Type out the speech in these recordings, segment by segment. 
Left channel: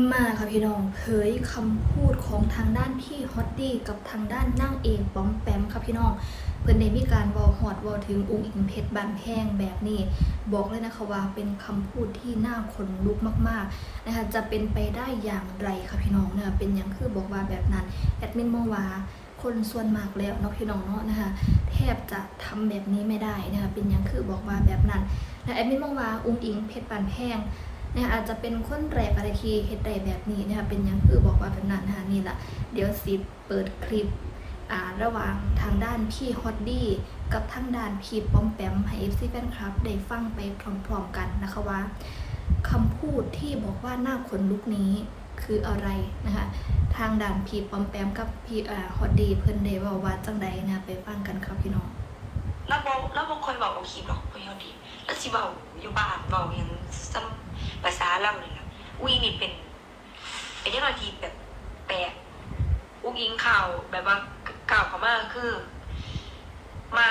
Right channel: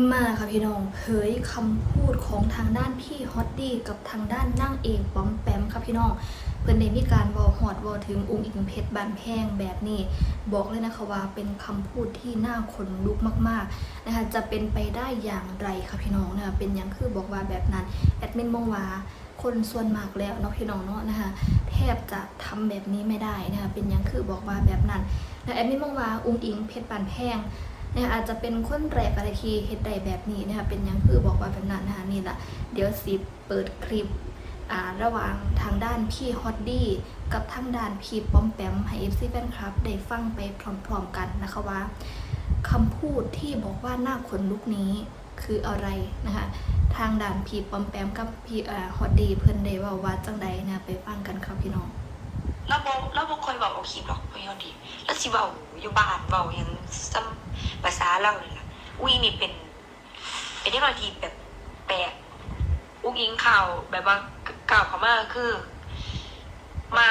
มาค่ะพี่น้องเผยคำพูดของทางด้านพี่ฮอตดี้กับทางด้านนั่งเอกป้อมแปมค่ะพี่น้อง เพิ่นได้มีการวอหอดวอถึงอุ้งอิงเพชรบานแพงแบบนี้ บอกเลยนะคะว่าเป็นคำพูดที่น่าขนลุกมากๆนะคะจะเป็นไปได้อย่างไรคะพี่น้องเนะคะเป็นอย่างคือบอกว่าแบบนั้นแอดมินมองว่าคนส่วนมากแล้วเนาะพี่น้องเนาะนะคะแทบจะทำแบบนี้ไม่ได้นะคะเป็นอย่างคือบอกว่าแบบนั้นนะแอดมินมองว่าอุ้งอิงเพชรบานแพง นะคะอาจจะเป็นคนแรกอะทีเฮ็ดได้แบบนี้นะคะเป็นยังคือบอกว่าแบบนั้นนะคะนี่แหละเดี๋ยวสิเปิดคลิปอ่าระหว่างทางด้านพี่ฮอตดี้กับทางด้านพี่ป้อมแปมให้ FC แฟนคลับได้ฟังไปพร้อมๆกันนะคะว่าคำพูดที่บอกว่าหน้าขนลุกนี้คืออะไรนะคะทางด้านพีปอมแปมกับพีอ่าฮอตดี้เพิ่นได้ว่าว่าจังใดนะไปฟังกันครับพี่น้อง เราบอกเราบอกคอยบอกเอาคลิปหรอกพยอนดีแล้วสิเบาอยู่บ้านเบาอย่างซ้ำภาษาเราเลยล่ะอุ้ยนี่เป็นเป็นเรื่องทีแบบแปลกอุ้งอิงข่าวแบบว่าข่าวเขามาคือ มา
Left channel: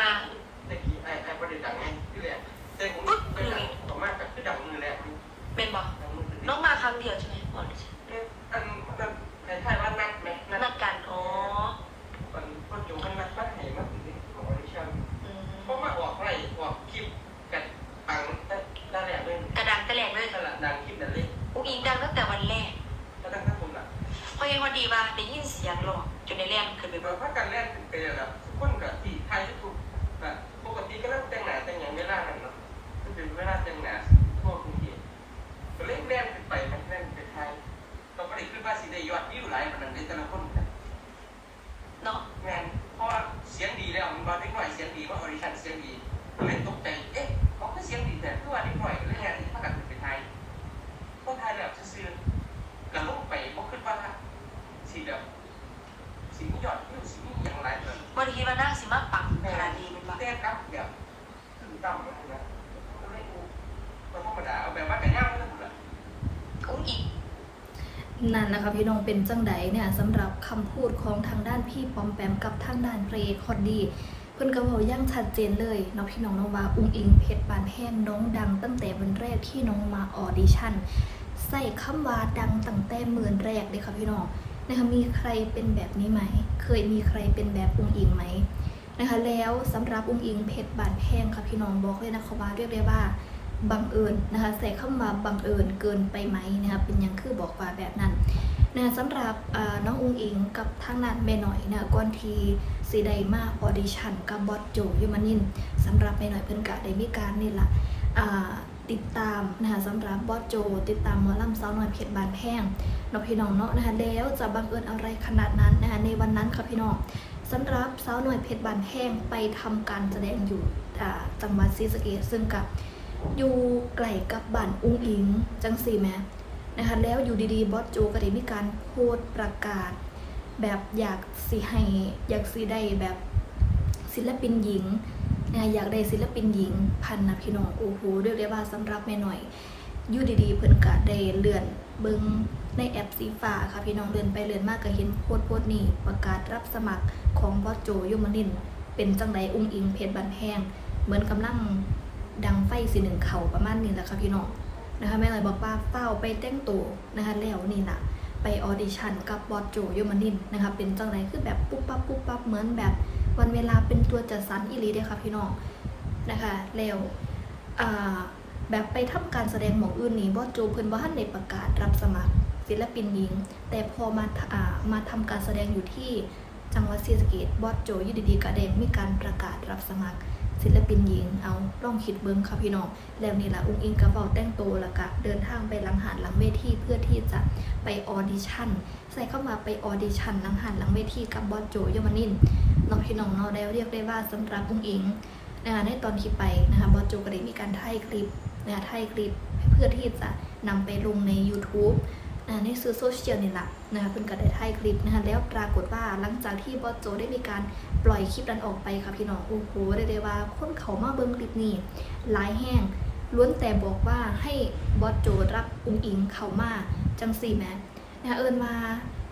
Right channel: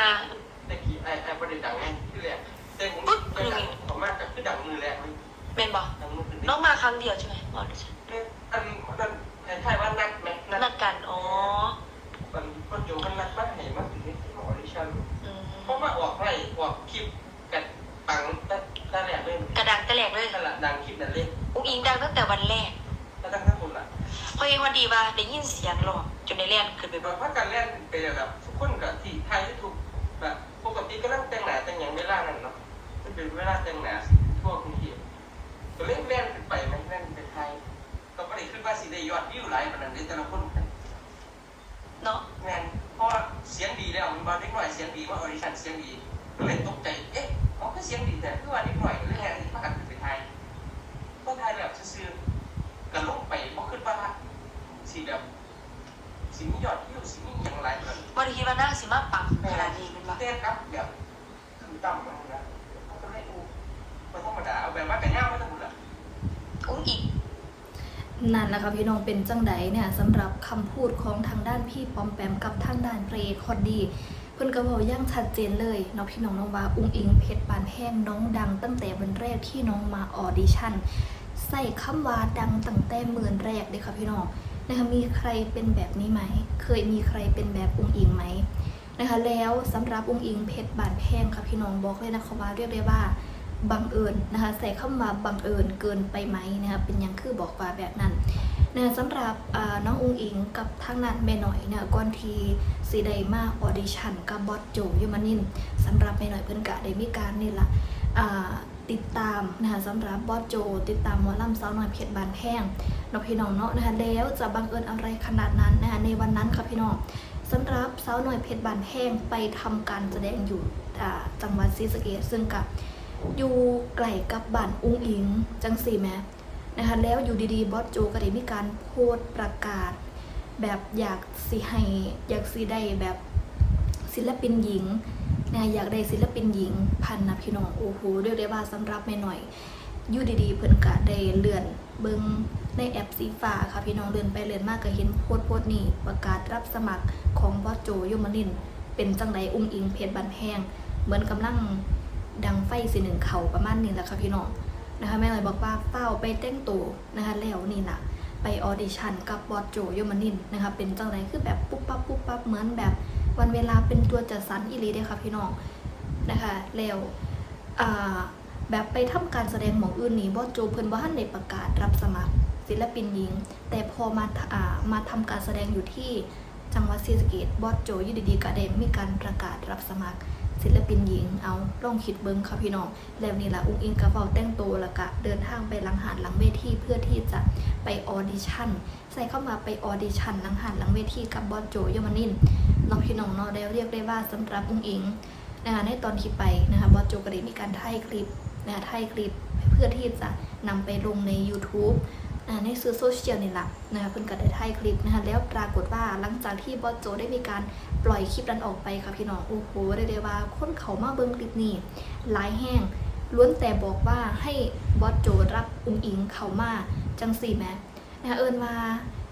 ตะกี้ไอ้ไอ้ประเด็นดังไงที่แรกแต่ผมจะดังต่อมากกับคือดังมือแรกมันเป็นบอกดังมือคือน้องมาครั้งเดียวใช่ไหมอ๋อไม่ใช่อันอันคล้ายๆว่านัดไหมนันัดดกันอ๋อมันก็โจมันนัดมาใอกจนในเรียนขึ้นไปบเรานพักกันแรกเป็นแบบทุกคนกับที่ไทยที่ถูกแบบปกติก็นั่งแต่งหน้าแต่งอย่างเวลานั้นเนาะมันเป็นเวลาแต่งหน้าทั่วกรุงเทพก็เล่นแม่นไปไหมแม่นไปไทยก็ไม่ได้ขึ้นว่าสิได้ยอดวิวหลายขนาดนี้แต่ละคนกันเนาะงานเพราะว่าเสียงดีแล้วมันบอลเล็กหน่อยเสียงดีว่าออดิชั่นเสียงดีก็เลยตกใจเอ๊ะเขาก็เสียงดีแต่เพื่อว่าเล็กหน่อยแล้วแทนที่ประกันเป็นไทยก็ไทยแบบซื่อๆกันลงไปบ่ขึ้นว่าสีแบบสีนี้ยอดวิวสีนี้อย่างไรแบบ วันทีว่านั่งสิมาปังขนาดนี้เป็นปะ เต้นครับแบบถึงต่ำมันนะก็ให้ดูมันธรรมดาเอาแบบว่าแต่ย่างไม่ต้องบุญละอุ้งอิงนั่นนะคะพี่น้องเป็นจังไดเนี่ยสำหรับคำพูดของทางด้านพี่ปอมแปมกับทางด้านเพลงคอดดีเพิ่นก็บอกอย่างชัดเจนเลยเนาะพี่น้องเน้องว่าอุ้งอิงเพชรบานแห้งน้องดังตั้งแต่วันแรกที่น้องมาออดิชั่นใส่คำว่าดังตั้งแต่หมื่นแรกเลยค่ะพี่น้องนะคะมีใครเป็นแบบนี้ไหม เคยมีใครเป็นแบบอุ้งอิงไหมนะคะแล้วสำหรับอุ้งอิงเพชรบานแห้งค่ะพี่น้องบอกเลยนะคะว่าเรียกได้ว่า บังเอิญนะคะใส่เข้ามาบังเอิญเกินไปไหมนะคะเป็นยังคือบอกว่าแบบนั้นนะสำหรับน้องอุงอิงกับทางนั้นแม่หน่อยนะก่อนทีสีไดมาออดิชั่นกับบอสโจยมานินสำหรับแม่หน่อยเพิ่อนกะได้มีการนี่ละติดตามนะคะสำหรับบอสโจ ติดตามมอลำสาวน้อยเพชรบานแพงนพี่น้องเนาะนะคะแล้วจะบังเอิญอะไรขนาดนั้นนะคะในวันนั้นค่ะพี่น้องสำหรับสาวน้อยเพชรบานแพงไปทำการแสดงอยู่จังหวัดศรีสะเกษซึ่งกับ อยู่ไกลกับบ้านอุ้งอิงจังสี่แมนะคะแล้วอยู่ดีๆบอสโจก็ได้มีการโพสต์ประกาศ แบบอยากสิให้อยากสิได้แบบศิลปินหญิงนะอยากได้ศิลปินหญิง พันนะพี่น้องโอ้โหเรียกได้ว่าสำหรับแม่หน่อยอยู่ดีๆเพิ่นก็ได้เลื่อนเบิงในแอปสีฟ้าค่ะพี่น้องเลื่อนไปเลื่อนมากก็เห็นโพสต์โพสต์นี้ประกาศรับสมัครของบอสโจยมนิน เป็นจังไดอุ้งอิงเพชรบันแห้งเหมือนกำลัง ดังไฟสีหนึ่งเขาประมาณนี้แหละค่ะพี่น้องนะคะแม่เลยบอกว่าเป้าไปเต้นตัวนะคะแล้วนี่นะไปออดิชั่นกับบอสโจโยมานินนะคะเป็นจังไรคือแบบปุ๊บปั๊บปุ๊บปั๊บเหมือนแบบวันเวลาเป็นตัวจัดสรรอีหลีเด้ค่ะพี่น้องนะคะแล้วอ่าแบบไปทำการแสดงหมองอื่นนี่บอสโจเพิ่นบ่ทันได้ประกาศรับสมัครศิลปินหญิง แต่พอมาอ่ามาทำการแสดงอยู่ที่จังหวัดศรีสะเกษบอสโจอยูดีๆก็ได้มีการประกาศรับสมัคร ศิลปินหญิงเอาลองคิดเบิ้งค่ะพี่น้องแล้วนี่แหละอุ้งอิงกระเป๋าแต่งตัวแล้วก็เดินทางไปหลังหาดหลังเวทีเพื่อที่จะไปออดิชั่น ใส่เข้ามาไปออดิชั่นหลังหาดหลังเวทีกับบอสโจยมานินน้องพี่น้องเนาะได้เรียกได้ว่าสำหรับอุ้งอิงนะคะในตอนที่ไปนะคะบอสโจก็ได้มีการถ่ายคลิปนะคะถ่ายคลิปเพื่อที่จะนำไปลงใน YouTube ในสื่อโซเชียลนี่แหละนะคะเพิ่งก็ได้ถ่ายคลิปนะคะแล้วปรากฏว่าหลังจากที่บอสโจได้มีการปล่อยคลิปนั้นออกไปค่ะพี่น้องโอ้โหเรียกได้ว่าคนเขามาเบิ้งคลิปนี้หลายแห้งล้วนแต่บอกว่าให้บอสโจรับอุ้งอิงเขามาจังสี่แม้นะคะเอิญมา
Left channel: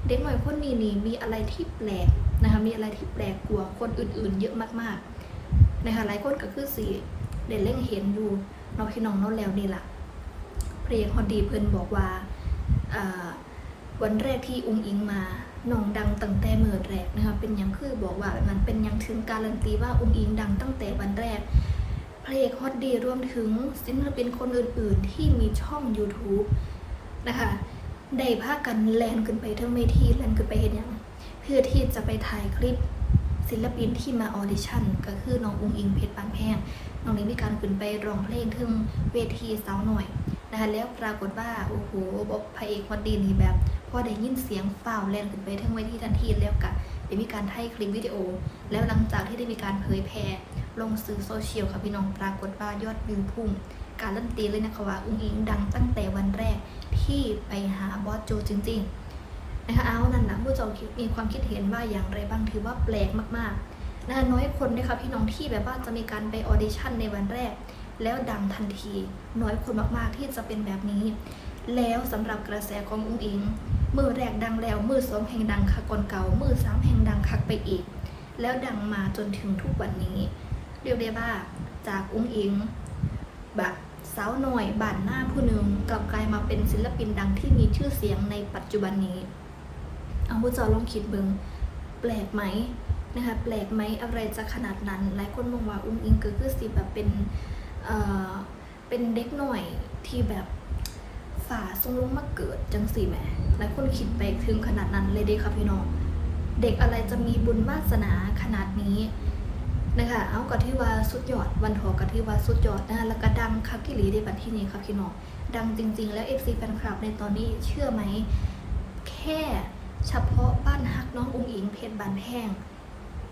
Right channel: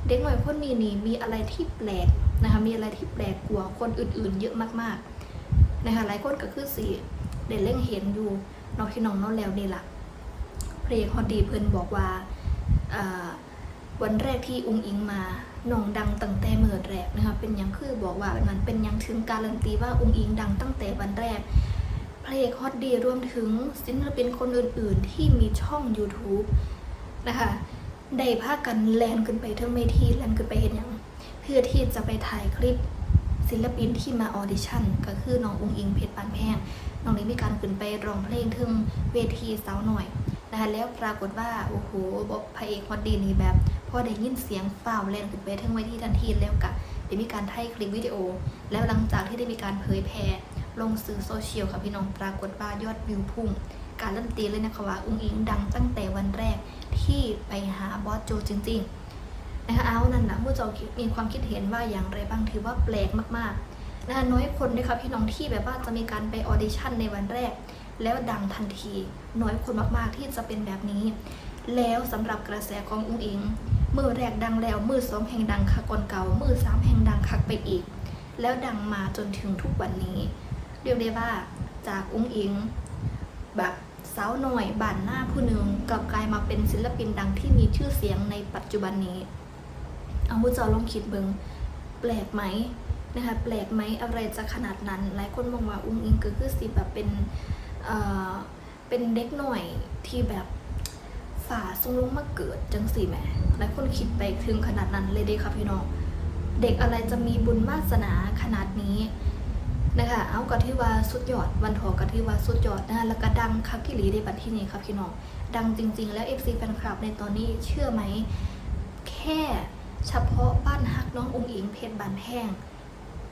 เด็กหน่อยคนนี้นี่มีอะไรที่แปลกนะคะมีอะไรที่แปลกกว่าคนอื่นๆ เยอะมากๆนะคะหลายคนก็คือสีเด่นเล่งเห็นอยู่น้องพี่น้องน้องแล้วนี่ล่ะเพลงฮอดดีเพิ่นบอกว่า วันแรกที่อุ้งอิงมาน้องดังตั้งแต่เมื่อแรกนะคะเป็นยังคือบอกว่าแบบนั้นเป็นยังถึงการันตีว่าอุ้งอิงดังตั้งแต่วันแรกเพลงฮอตดีรวมถึงศิลปินคนอื่น ๆ ที่มีช่อง YouTube นะคะได้พากันแลนขึ้นไปเทั้งเวทีแลนขึ้นไปเห็นย่างเพื่อที่จะไปถ่ายคลิปศิลปินที่มาออดิชั่น ก็คือน้องอุ้งอิงเพชรปานแพงน้องนี้มีการขึ้นไปร้องเพลงถึงเวทีสาวหน่อย นะคะแล้วปรากฏว่าโอ้โหบอกพระเอกฮอตดีนี่แบบพอได้ยินเสียงเฝ้าวแลนขึ้นไปทั้งเวทีทันทีแล้วก็ได้มีการถ่ายคลิปวิดีโอ แล้วหลังจากที่ได้มีการเผยแพร่ลงสื่อโซเชียลค่ะพี่น้องปรากฏว่ายอดวิวพุ่ง การเริ่มตีเลยนะคะว่าอุ้งอิงดังตั้งแต่วันแรกที่ไปหาบอสโจจริงๆนะคะเอานั่นนะผู้เจาคิดมีความคิดเห็นว่าอย่างไรบ้างถือว่าแปลกมากๆนะคะน้อยคนนะคะพี่น้องที่แบบว่าจะมีการไปออเดชั่นในวันแรก แล้วดังทันที น้อยคนมากๆที่จะเป็นแบบนี้ แล้วสำหรับกระแสของอุ้งอิง มือแรกดังแล้ว มือสองแห่งดังคักก่อนเก่า มือสามแห่งดังคักไปอีก แล้วดังมาจนถึงทุกวันนี้ เรียกได้ว่าจากอุ้งอิงแบบสาวหน่อยบ้านหน้าผู้หนึ่งกลับกลายมาเป็นศิลปินดังที่มีชื่อเสียงในปัจจุบันนี้ เอาผู้จอลองคิดเบิงแปลกไหมนะคะแปลกไหมอะไรจะขนาดนั้น หลายคนมองว่าอุ้งอิงก็คือสิแบบเป็น เป็นเด็กหน่อยที่แบบฝ่าทรงลงมาเกิดจังสี่แหมหลายคนคิดไปถึงขนาดนั้นเลยเด้ค่ะพี่น้อง เด็กอะไรจะมีบุญวาสนาขนาดนี้นะคะ เอากะที่ว่าสุดยอด วันทอกะที่ว่าสุดยอดนะแล้วก็ดังคักที่ลีในบัดที่นี้ครับพี่น้อง ดังจริง ๆ แล้ว FC แฟนคลับในตอนนี้เชื่อไหม แค่เฉพาะบ้านฮักน้องอุ้งอิงเพชรบานแห้ง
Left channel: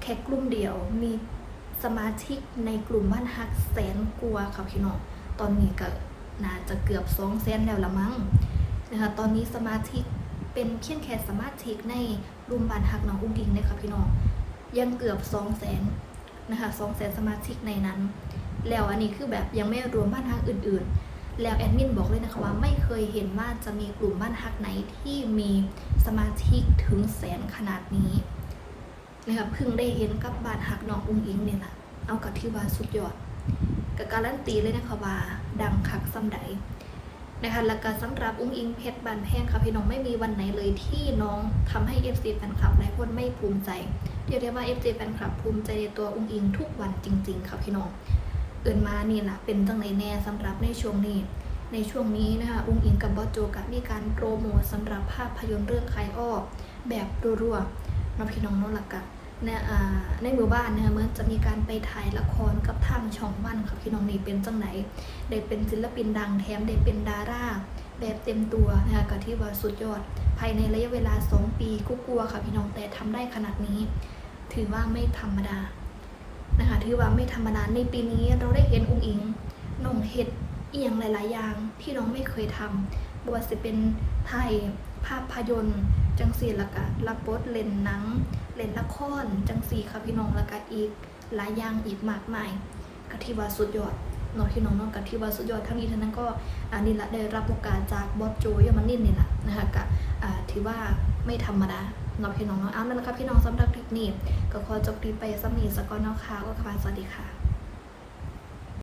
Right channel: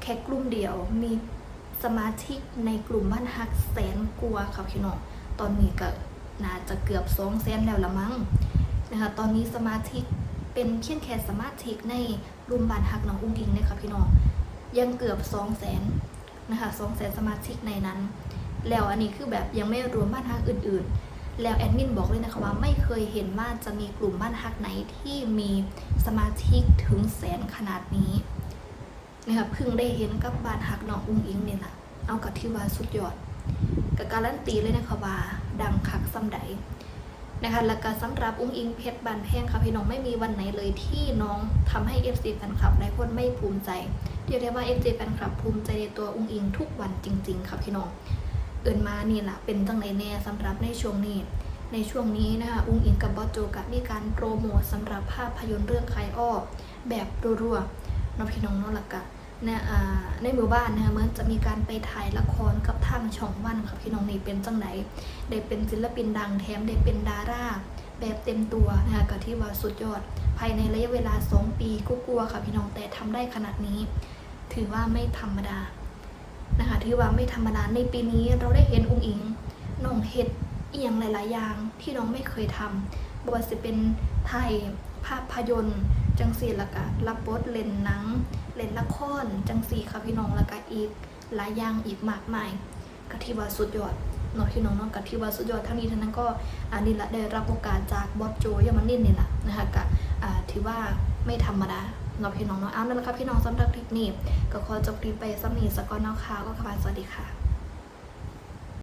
แค่กลุ่มเดียวมี สมาชิกในกลุ่มบ้านฮักแสนกว่าครับพี่น้องตอนนี้ก็น่าจะเกือบสองแสนแล้วละมั้งนะคะตอนนี้สมาชิกเป็นเพียงแค่สมาชิกในกลุ่มบ้านฮักน้องอุ้งอิงนะครับพี่น้องยังเกือบสองแสนนะคะสองแสนสมาชิกในนั้น แล้วอันนี้คือแบบยังไม่รวมบ้านฮักอื่น ๆ แล้วแอดมินบอกเลยนะคะว่าไม่เคยเห็นว่าจะมีกลุ่มบ้านฮักไหนที่มีสมาชิกถึงแสนขนาดนี้ นะคะเพิ่งได้เห็นกับบานฮักน้องอุ้งอิงเนี่ยแหละเอากับที่ว่าสุดยอดกับการันตีเลยนะคะว่าดังคักซ้ำใดนะคะแล้วก็สำหรับอุ้งอิงเพชรบานแพงค่ะพี่น้องไม่มีวันไหนเลยที่น้องทำให้ FC แฟนคลับหลายคนไม่ภูมิใจเรียกได้ว่า FC แฟนคลับภูมิใจในตัวอุ้งอิงทุกวันจริง ๆ ค่ะพี่น้องเอินมานี่แหละเป็นจังไหนแน่สำหรับในช่วงนี้ ในช่วงนี้นะคะอุ้งอิงกับบอสโจกับมีการโปรโมทสำหรับภาพยนตร์เรื่องใครอ้อแบบรัวๆน้องพี่น้องน้องหลักกะเนี่ยอ่า ในหมู่บ้านนะคะเหมือนจะมีการไปถ่ายละครกับทางช่องวันค่ะพี่น้องนี่เป็นจังไหนได้เป็นศิลปินดังแถมได้เป็นดาราแบบเต็มตัวนะคะก็ที่ว่าสุดยอด ภายในระยะเวลา 2 ปีก็กลัวค่ะพี่น้องแต่ทำได้ขนาดนี้ ถือว่าไม่ธรรมดานะคะที่ว่าไม่ธรรมดาในปีนี้เราได้เห็นองค์อิงน้องเห็ดเอียงหลาย ๆ อย่างที่น้องไม่เคยทำบว่าจะเป็นไทยภาพยนตร์ จังสีละกะรับบทเล่นหนัง เล่นละครจังสีค่ะพี่น้องละกะอีกหลายอย่างอีกมากมายกะที่ว่าสุดยอดเนาะพี่น้องเน้องกะที่ว่าสุดยอดทั้งนี้ทั้งนั้นก็อันนี้ละได้รับโอกาสจากบอสโจยามันนินนี่แหละนะคะกะอ่าถือว่าไม่ธรรมดาเนาะพี่น้องเนาะเอาวนั่นแหละครับพี่น้องสำหรับคลิปนี้ก็ขอจบคลิปไปสำนีสกอนนอกค่ะก็ค่ะสวัสดีค่ะ